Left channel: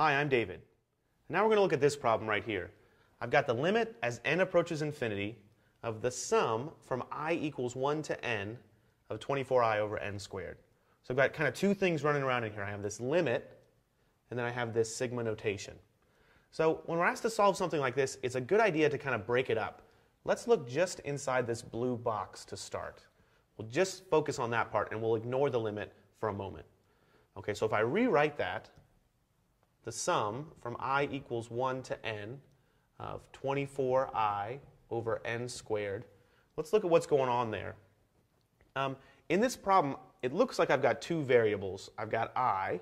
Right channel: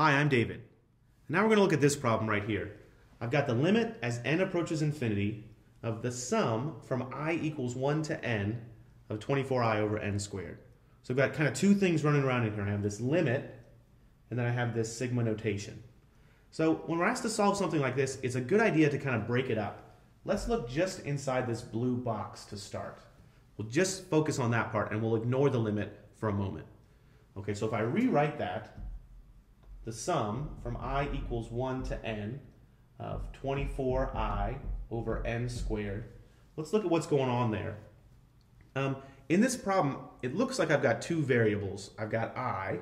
Hi, I'm David. Now we're going to look at this problem right here. I've got the limit as n approaches infinity of the sum from I equals 1 to n of 24i over n squared. So I've got kind of two things running around in here. I have this limit, and then I have this sigma notation. So when we're asked to solve something like this, it's a good idea to kind of break it up. Let's look just inside this blue box to start. We'll just focus on that part, and we'll ignore the limit for a moment. Okay, so if I rewrite that, the sum from I equals 1 to n of 24i over n squared. Let's look at what's going on there. In this problem, it looks like I've got two variables. I've got I,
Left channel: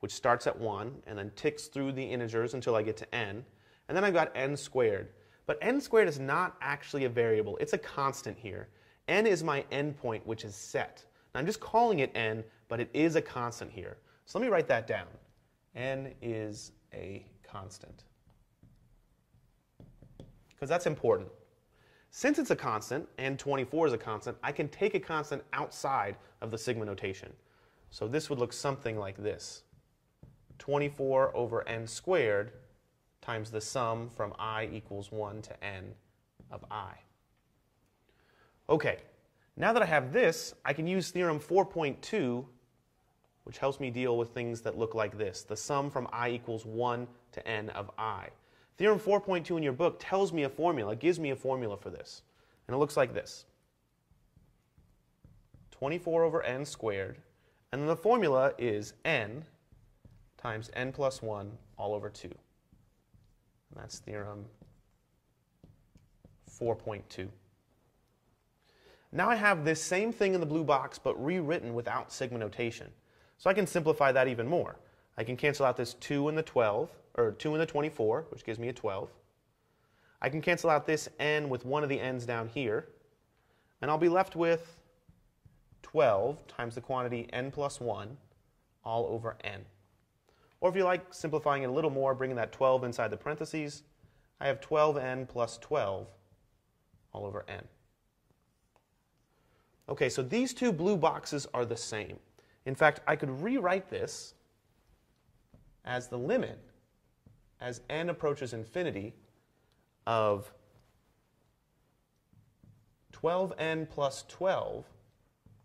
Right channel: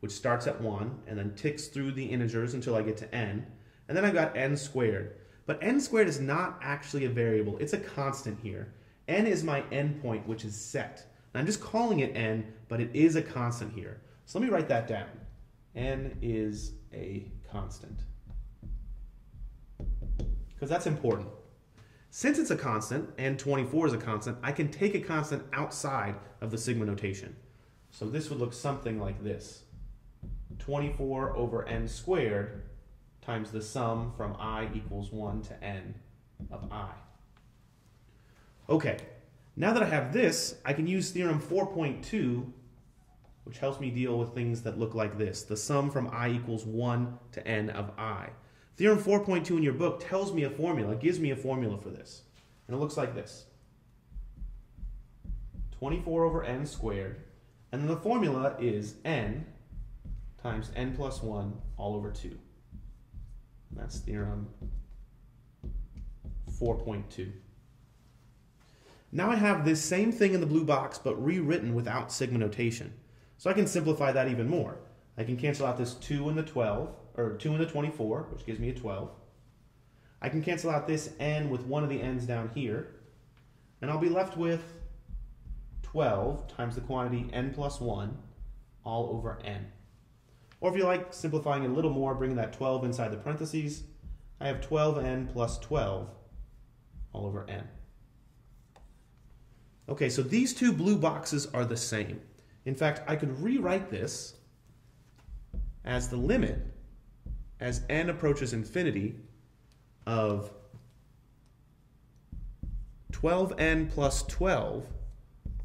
which starts at 1 and then ticks through the integers until I get to n. And then I've got n squared. But n squared is not actually a variable. It's a constant here. N is my endpoint, which is set. Now, I'm just calling it n, but it is a constant here. So let me write that down. N is a constant. Because that's important. Since it's a constant, and 24 is a constant, I can take a constant outside of the sigma notation. So this would look something like this. 24 over n squared times the sum from I equals 1 to n of I. Okay, now that I have this, I can use theorem 4.2, which helps me deal with things that look like this. The sum from I equals 1 to n of I. Theorem 4.2 in your book tells me a formula, gives me a formula for this. And it looks like this. 24 over n squared. And then the formula is n times n plus 1 all over 2. And that's theorem 4.2. Now I have this same thing in the blue box, but rewritten without sigma notation. So I can simplify that even more. I can cancel out this 2 and the 12, or 2 and the 24, which gives me a 12. I can cancel out this n with one of the n's down here, and I'll be left with 12 times the quantity n plus 1 all over n. Or if you like simplifying it a little more, bringing that 12 inside the parentheses, I have 12n plus 12 all over n. Okay, so these two blue boxes are the same. In fact, I could rewrite this as the limit as n approaches infinity of 12n plus 12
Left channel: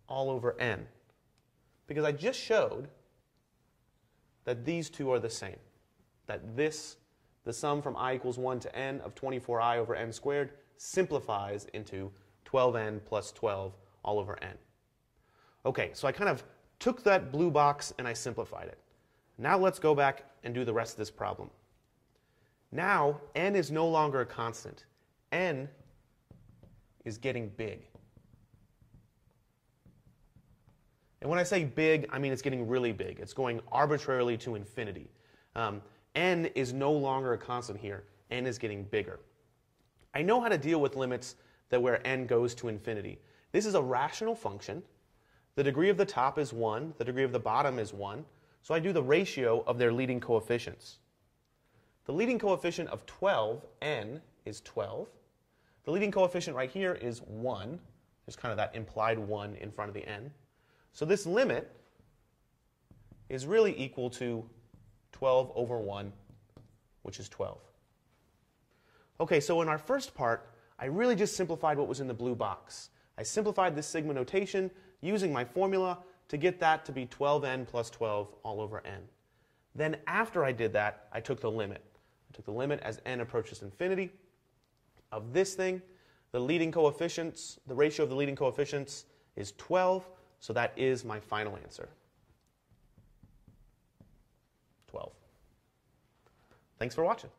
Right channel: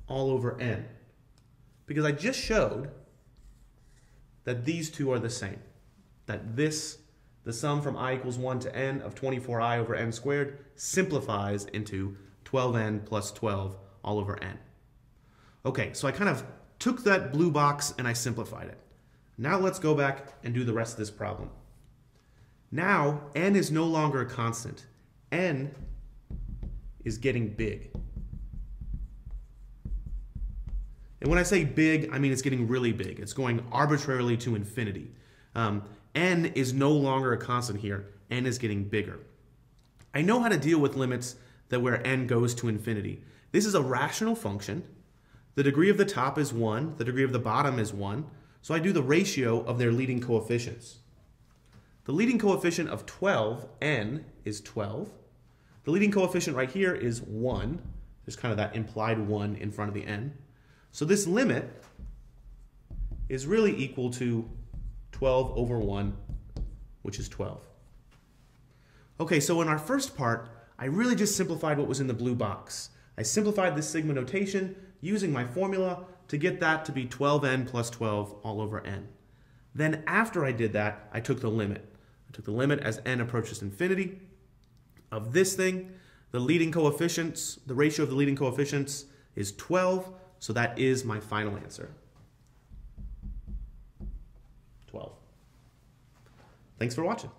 all over n. Because I just showed that these two are the same. That this, the sum from I equals 1 to n of 24i over n squared, simplifies into 12n plus 12 all over n. Okay, so I kind of took that blue box and I simplified it. Now let's go back and do the rest of this problem. Now, n is no longer a constant. N is getting big. And when I say big, I mean it's getting really big. It's going arbitrarily to infinity. N is no longer a constant here. N is getting bigger. I know how to deal with limits that where n goes to infinity. This is a rational function. The degree of the top is 1. The degree of the bottom is 1. So I do the ratio of their leading coefficients. The leading coefficient of 12, n, is 12. The leading coefficient right here is 1. There's kind of that implied 1 in front of the n. So this limit is really equal to 12 over 1, which is 12. Okay, so in our first part, I really just simplified what was in the blue box. I simplified this sigma notation using my formula to get that to be 12n plus 12 all over n. Then after I did that, I took the limit. I took the limit as n approaches infinity of this thing. The leading coefficients, the ratio of the leading coefficients is 12, so that is my final answer. 12. Thanks for watching.